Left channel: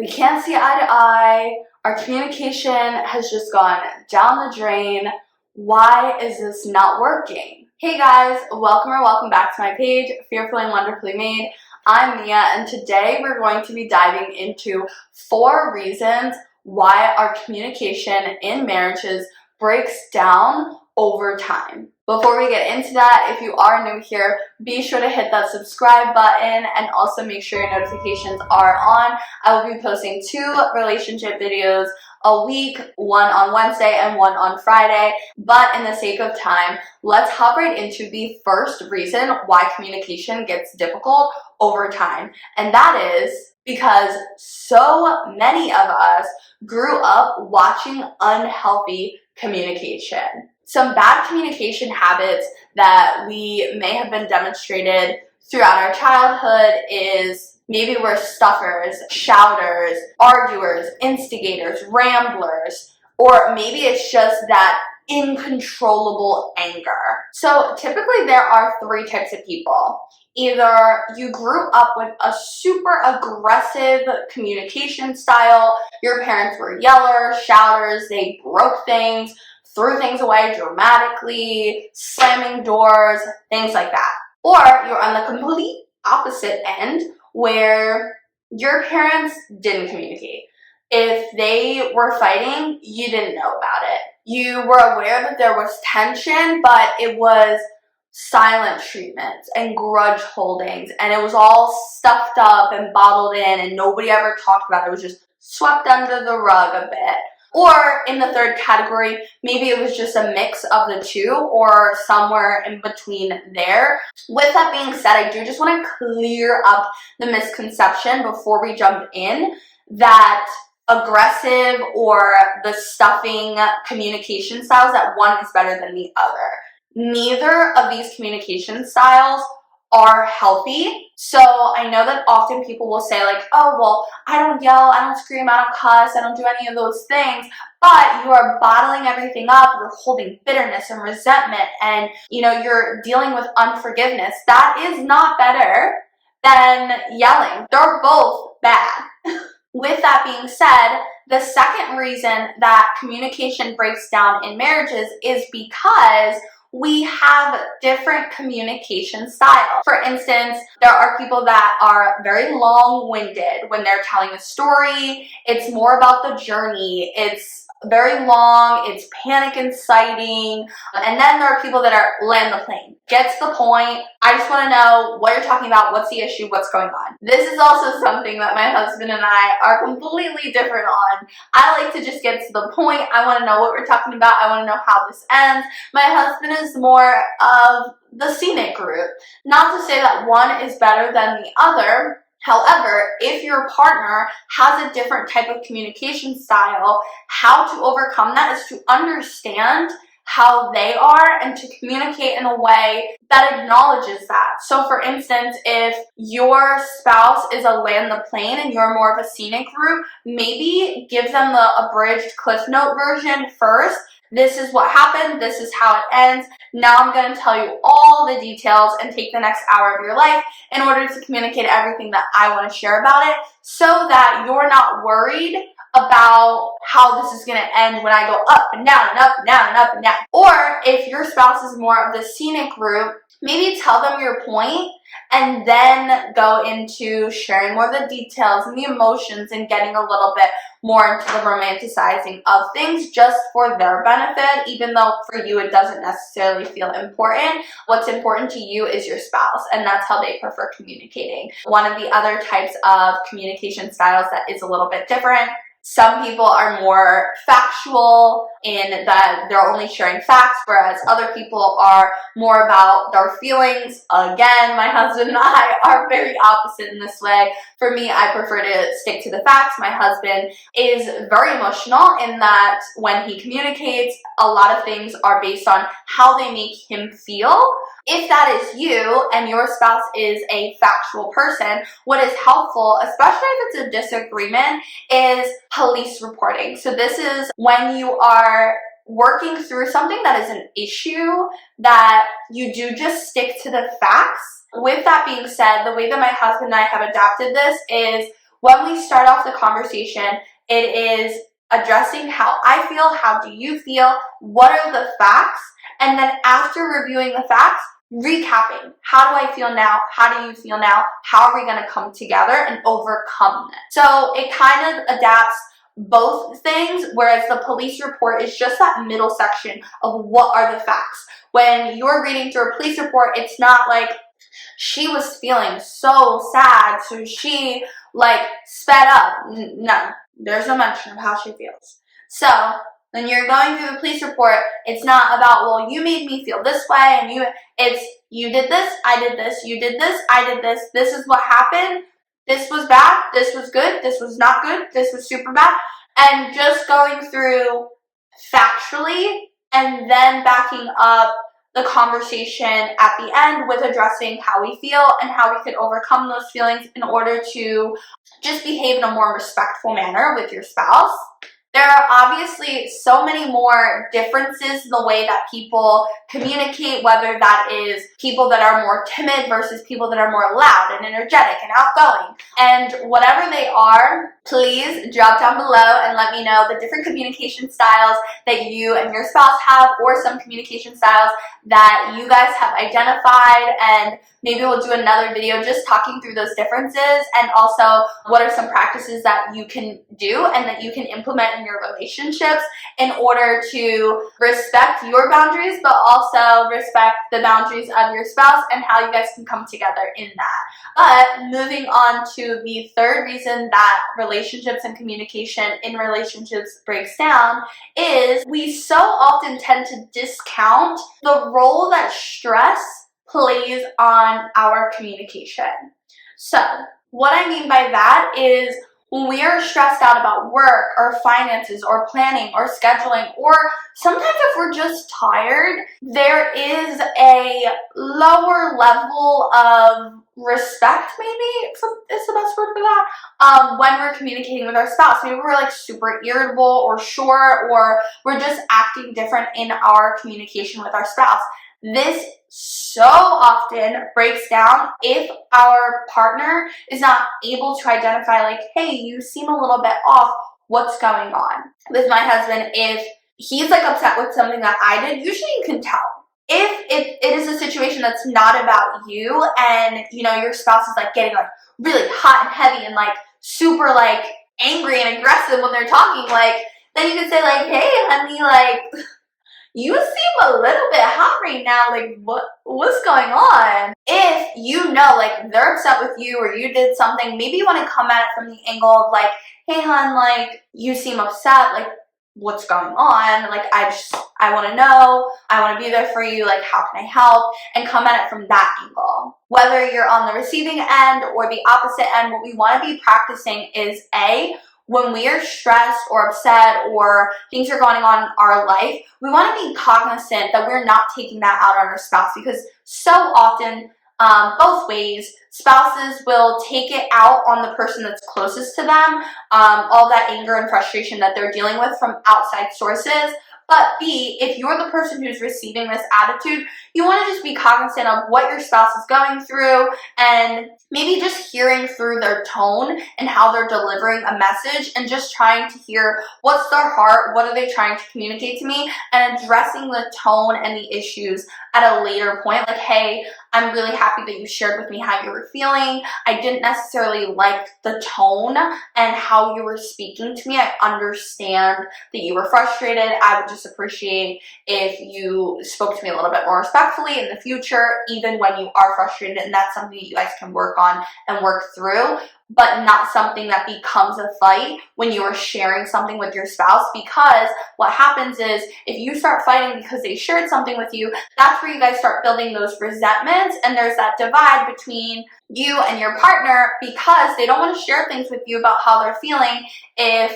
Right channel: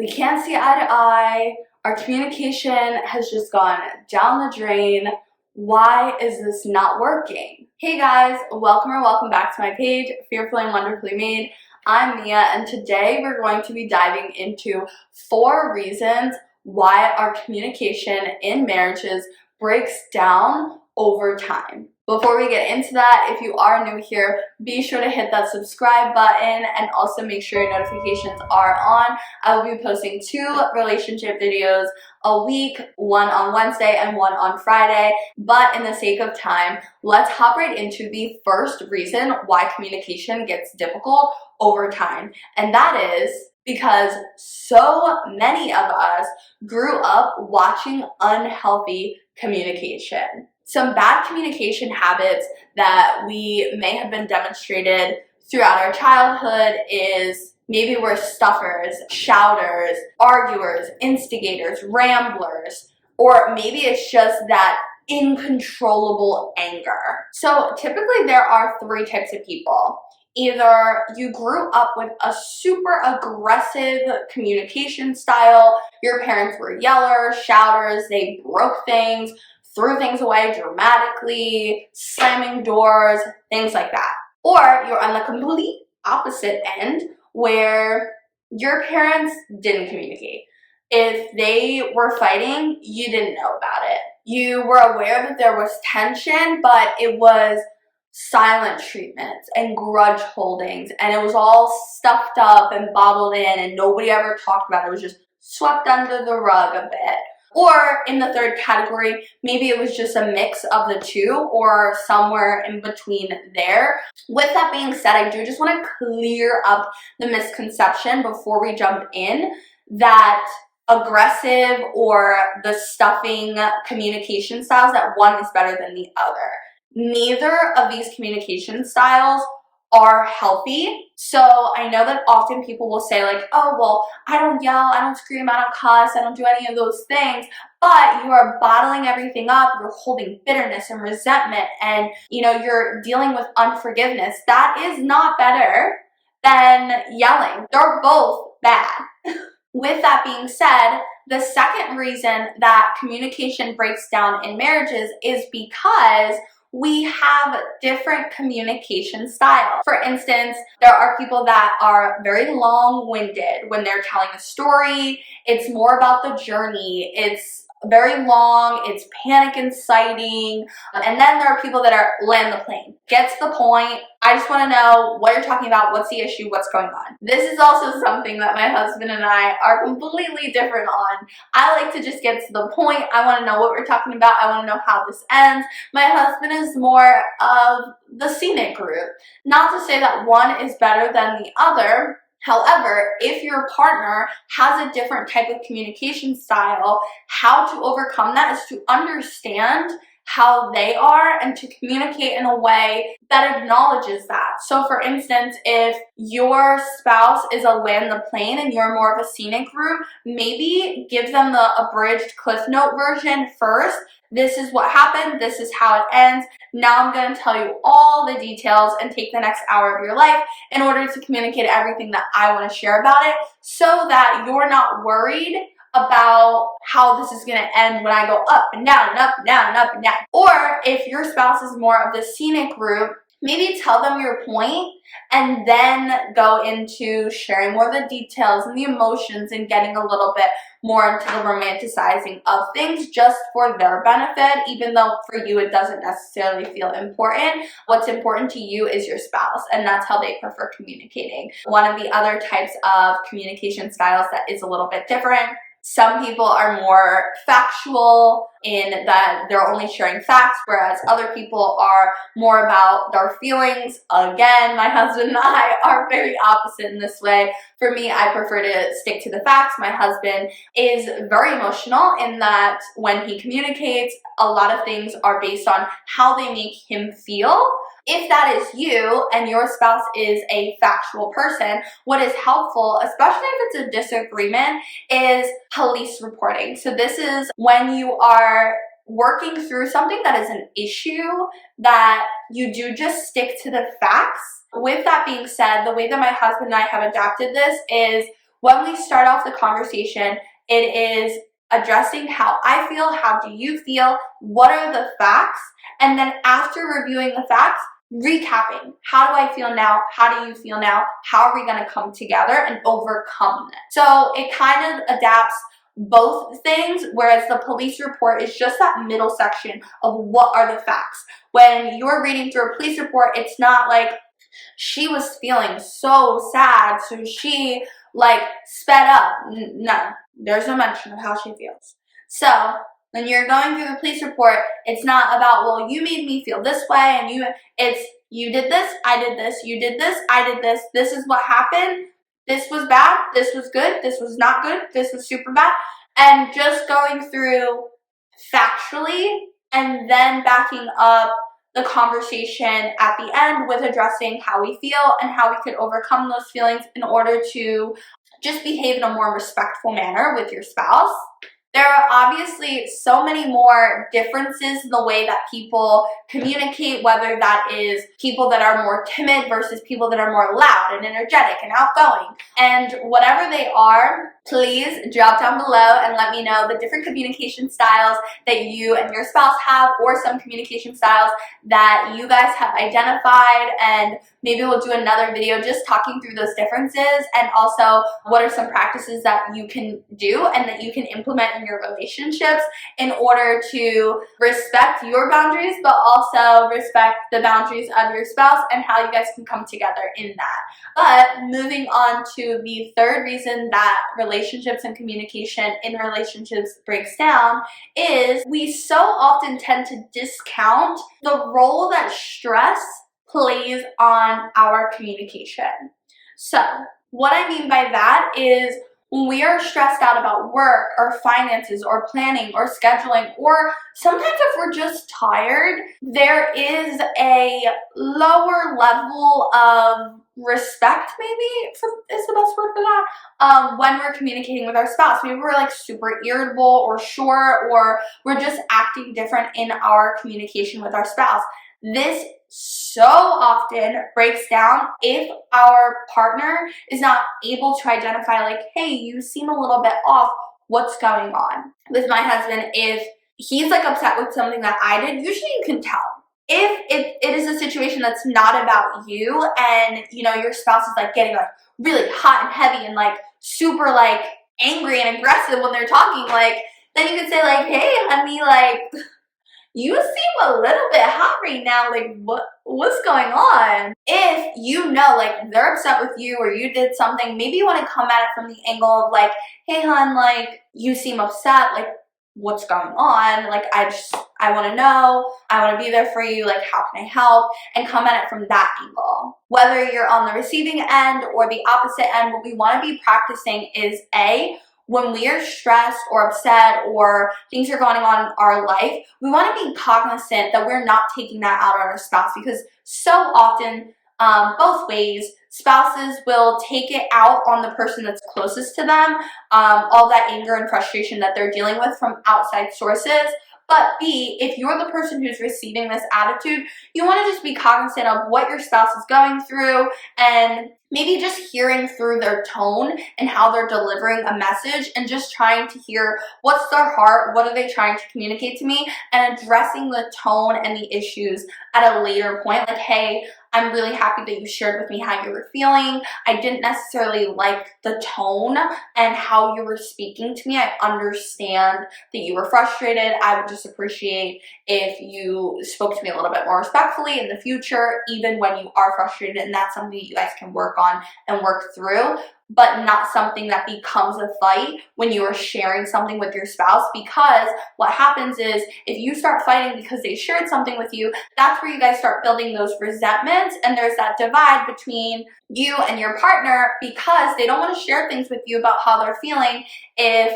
We can't see eye to eye. Our communication has just gone down the drain. Why is this not working? Hey guys, welcome back to my page, Fearfully and Wonderfully Made. I'm Mia, and today we're going to be diving into 4 reasons why our communication in marriages breaks down over time. Before we get into that, if you are new here, be sure to hit that subscribe button and also make sure your notifications are on. I will be posting 2 relationship videos a week, one on Wednesday and one on Friday. But in the sake of time, let's hop right into the first reason why communication gets difficult over time. And that is because so many of us grew up watching unhealthy communication. Some bad communication habits that we may have been demonstrated throughout our childhood is maybe we're stuffers, shouters, arguers, instigators, ramblers, or maybe it's just that uncontrollable anger. So typically there are 3 types of people. Either you grew up with a super aggressive communication style, your parents were yellers, shouters, they broke things, threw things away dramatically, slamming doors, things like that. Or you're on the complete opposite end where your parents didn't communicate. If they were fighting, you didn't know about it. You were aware that there was tension, but it was silent treatments and grudge holdings, and it was all stuffed up and bottled in, and nobody ever talked about it. It was just swept under the rug a bit. Or in the 3rd category, maybe it was just a mix of the 2 or somewhere in between there. With that being said, I do just want to clear up the misconception before we jump in that aggressive or the stuffing communication styles, that one is better than the other. Neither of these communication styles are healthy. So I know that often people will say like, oh, well, I don't yell, I don't scream, I don't cuss, I don't do any of those things, but you are bottling everything up, you're holding bitterness and resentment, and you're dealing with unforgiveness. That is not better than yelling. They're both bad. With that being said, the second reason that communication breaks down in marriages is because we have different communication styles. For instance, there are people that are very long-winded when they're telling a story. It's more about the journey. It's very long, it's panic inciting. And then there are people that are land the plane. Get to the point. I just want to know what you're talking about, what's the issue, what's going on. This is also something that my husband and I are completely different on. I like to just get to the point. I want to know what we're talking about. I want to know how this ends. My husband is more of the scenic route. Not to say that one is better than the other. However, if your partner has a different type of communication style, how to overcome that is to understand how they are and to communicate in a way that acknowledges that. So for instance, if your spouse is a land the plane and you're more of a scenic route, maybe give them the abridged Cliff Note version first. This is what happened, this is how it ends. Now I'm going to tell you all the details and take the next hour of your life in order to communicate everything that I want to share about it, so that you're not worried about how this is going to end when I go up and down and up and down and up and down. Or if your spouse is more of the scenic route, maybe tell them your point and then go into sharing more of the details and the emotions and getting a little bit more into the romanticizing of things just for their benefit, even though for you it doesn't necessarily feel important. What's important to you is your spouse, and that's how they prefer communicating. One of the other types of communication styles that is a little bit different, some people are more factual in that they're only sharing facts, whereas other people are more about their feelings. Again, my husband and I are very opposite in this way. For me, I prefer to stick to the facts. My husband is very emotional in that when he communicates, a lot of things are based on how they make him feel. If that is you and your spouse is a factual person, what is helpful, especially if it's a disagreement, is police reporting. So this is when you are working through something that is an issue that you do just stick to the facts. With that being said, the way that my husband and I have adapted this is when we start off the conversation, it is addressing how I feel, how do you feel, what are the facts, and then after reviewing the facts, recapping. How do I feel now? How do you feel now? How are we going to come together and overcome it? So it kind of adapts both things, whereas the police report is just that middle section of what are the facts. When you're reading through a police report, it's not like she was feeling so sad, so she like sped up. No, there's no mention of how she feels. So when you're going through the police report, it's not about, well, you made me feel this way, and it's you did this, I did this, you did this, I did this, this is what happened, this was bad, this was good, this was not good, this was super bad, and just going through factually and then backing up the conversation at the end with addressing how we feel and how we could overcome those feelings in order to just behave in a more respectful manner with your spouse. There are obviously so many more differences in the way that people communicate, whether that is people that are more timid versus people that are more loud and energetic and outgoing. And whatever they are, please drop down below and let me know the different communication styles that you and your spouse have, or some communication styles that you guys have identified, and maybe we'll do another video just talking through those differences, and also what are some practices that you can do and that you can implement in your relationships in order to respect your boundaries, but also respect the boundaries of your spouse and how you guys can come together in that. But moving on to the third reason that relationships and communication in relationships breaks down is we so often tend to discount the role that stress plays on our communication. So what I mean by that is when we are stressed out about work or finances or planning or scheduling, or sometimes if we're just tired, there is a lower level of respect, maybe is the best word for that, when we're communicating with our spouse. Maybe we're like super irritable or short, or we're just acting different in our communication with our spouse. This so often breaks down if our partner is not able to identify, like, hey, you seem a little bit off, what's going on? With my husband, if he's like upset with something that I did, usually you can tell. If it is a situation that's not about you, and you know your spouse is like getting like really hot and heavy and like super like angry and aggressive when they're talking, like, then you can say like, hey honey, like, you seem a little bit hot right now, like what's going on? If you know like they're upset with you or you did something, maybe you want to come at it from the angle of like, hey hon, like you seem upset, like what's going on? Like I want to know, I want to be there for you, like how can I help? And come at it from that angle. Whether you're on the receiving end or the opposite end, what we want to be practicing is when we are stressed or upset or things are going on in our life, we want to be cognizant that we're not taking that out on our spouse, because so often, both ways, spouses will take it out on the person that's closest to them, all that anger and frustration that they're dealing with from outside sources. But B, if you're the person who's receiving this attitude, you want to just be cognizant of what your spouse is going through, and maybe just hearing through their tone and how they're delivering a message, and just trying to hear what's their heart, what are they trying to communicate to me, and addressing the tone and the issues at a later point. Like, hey, I'm really happy that you shared with me how you were feeling. I didn't necessarily like the tone and how you were speaking to me. I understand that you were frustrated. I would just appreciate if you spoke to me a little bit more respectfully in the future, even when you are frustrated. And that's something that you guys can work on and work through, but not something that becomes a fight when you are sharing something with your spouse. Because what happens is if you start fighting because they shared something with you, that's where you guys start building those resentments, and there's that divide between you and your partner, because they don't want to share things with you about how they're feeling if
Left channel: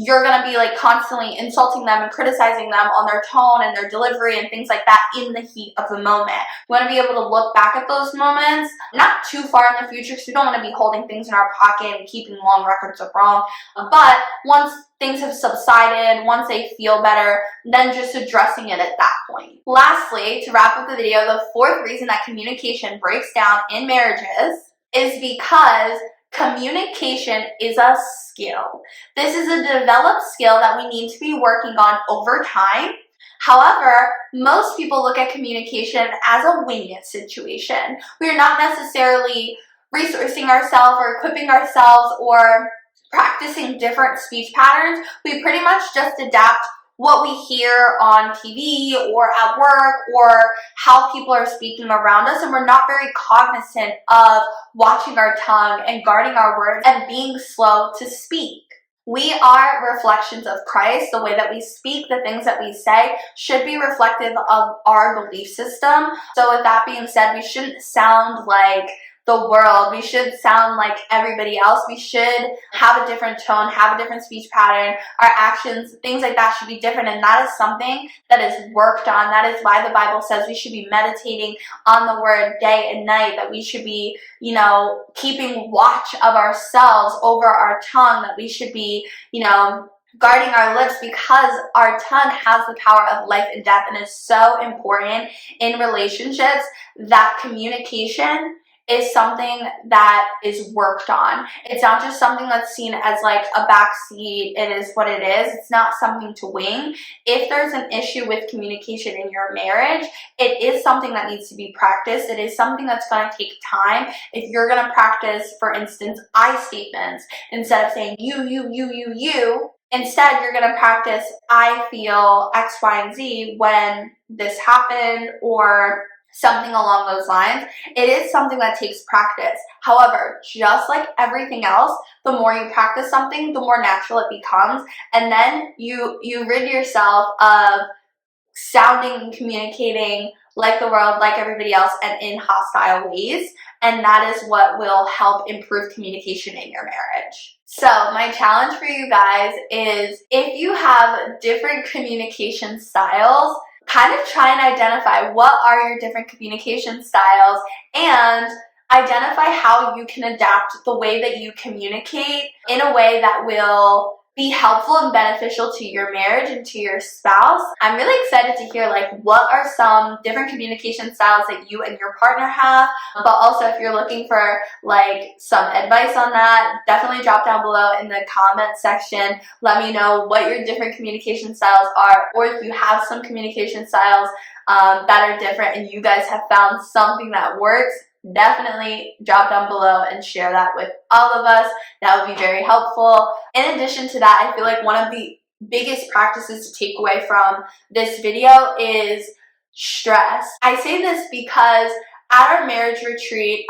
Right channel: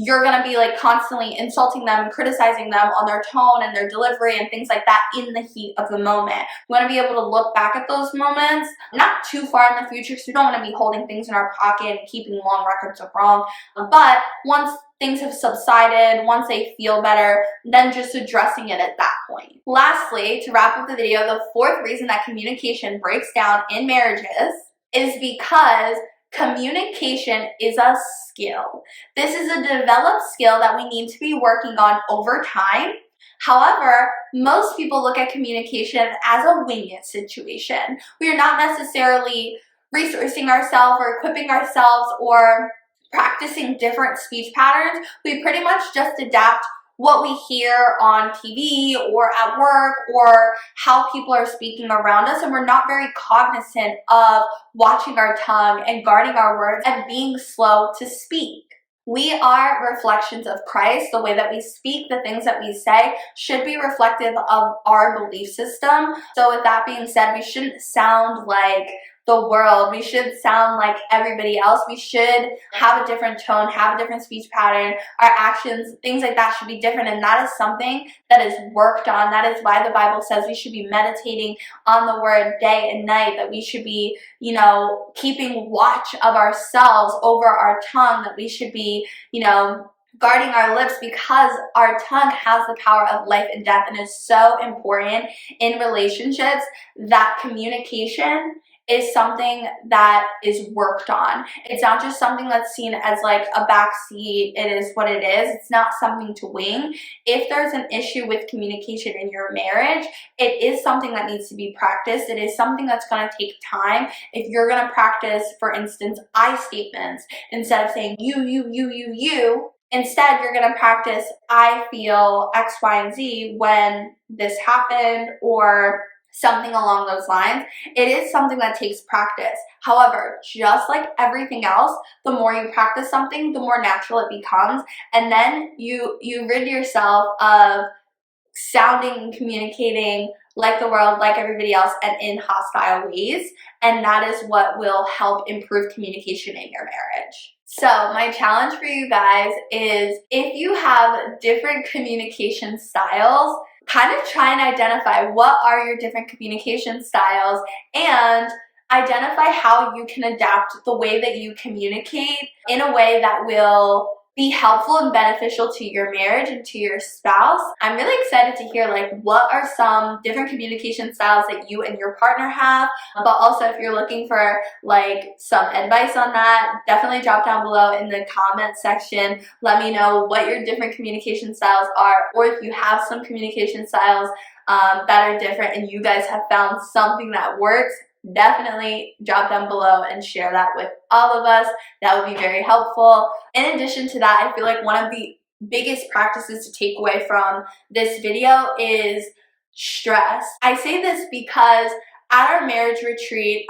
you're going to be like constantly insulting them and criticizing them on their tone and their delivery and things like that in the heat of the moment. We want to be able to look back at those moments, not too far in the future, because we don't want to be holding things in our pocket and keeping long records of wrong. But once things have subsided, once they feel better, then just addressing it at that point. Lastly, to wrap up the video, the fourth reason that communication breaks down in marriages is because Communication is a skill. This is a developed skill that we need to be working on over time. However, most people look at communication as a wing it situation. We are not necessarily resourcing ourselves or equipping ourselves or practicing different speech patterns. We pretty much just adapt what we hear on TV or at work or how people are speaking around us, and we're not very cognizant of watching our tongue and guarding our words and being slow to speak. We are reflections of Christ. The way that we speak, the things that we say should be reflective of our belief system. So with that being said, we shouldn't sound like the world. We should sound like everybody else. We should have a different tone, have a different speech pattern. Our actions, things like that should be different, and that is something that is worked on. That is why the Bible says we should be meditating on the word day and night, that we should be, keeping watch of ourselves over our tongue, that we should be, guarding our lips, because our tongue has the power of life and death, and is so important in relationships that communication is something that is worked on. It's not just something that's seen as like a backseat, it is what it is. It's not something to wing. If there's an issue with communication in your marriage, it is something that needs to be practiced. It is something that's going to take time. If you're going to practice, for instance, I statements, instead of saying you, instead you're going to practice I feel X, Y, and Z when this happened, or something along those lines. It is something that takes practice. However, just like everything else, the more you practice something, the more natural it becomes, and then you rid yourself of sounding and communicating like the world, like everybody else, and in hostile ways, and that is what will help improve communication in your marriage. So my challenge for you guys is, if you have different communication styles, kind of try and identify what are your different communication styles, and identify how you can adapt the way that you communicate in a way that will be helpful and beneficial to your marriage and to your spouse. I'm really excited to hear what are some different communication styles that you and your partner have, but also if you're looking for some advice on that, definitely drop down below in the comment section. Let me know what your different communication styles are, or if you have some communication styles that are different and you guys have found something that works. Definitely drop down below and share that with all of us. That would be very helpful. In addition to that, I feel like one of the biggest practices to take away from this video is stress. I say this because at our marriage retreat,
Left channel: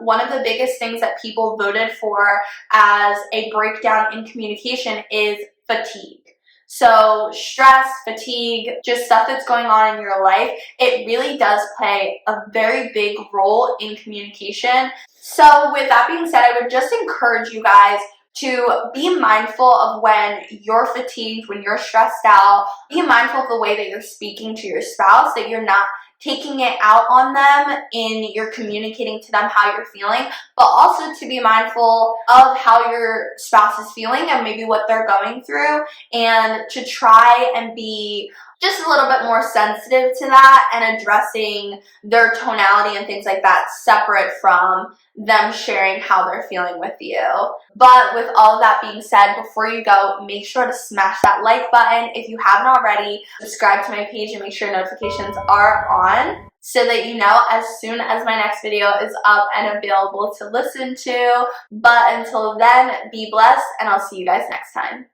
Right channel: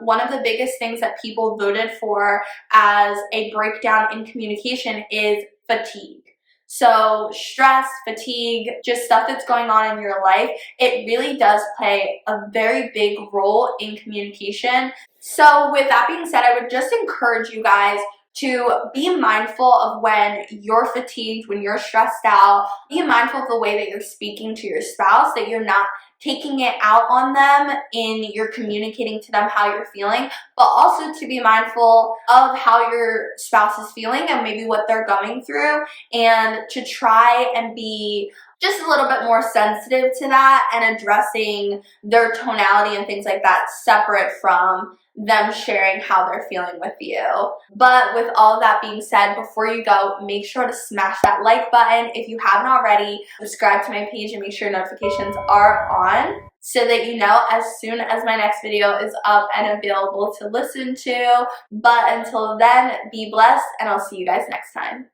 one of the biggest things that people voted for as a breakdown in communication is fatigue. So stress, fatigue, just stuff that's going on in your life, it really does play a very big role in communication. So with that being said, I would just encourage you guys to be mindful of when you're fatigued, when you're stressed out. Be mindful of the way that you're speaking to your spouse, that you're not taking it out on them in you're communicating to them how you're feeling, but also to be mindful of how your spouse is feeling and maybe what they're going through, and to try and be just a little bit more sensitive to that and addressing their tonality and things like that separate from them sharing how they're feeling with you. But with all of that being said, before you go, make sure to smash that like button. If you haven't already, subscribe to my page and make sure notifications are on so that you know as soon as my next video is up and available to listen to. But until then, be blessed, and I'll see you guys next time.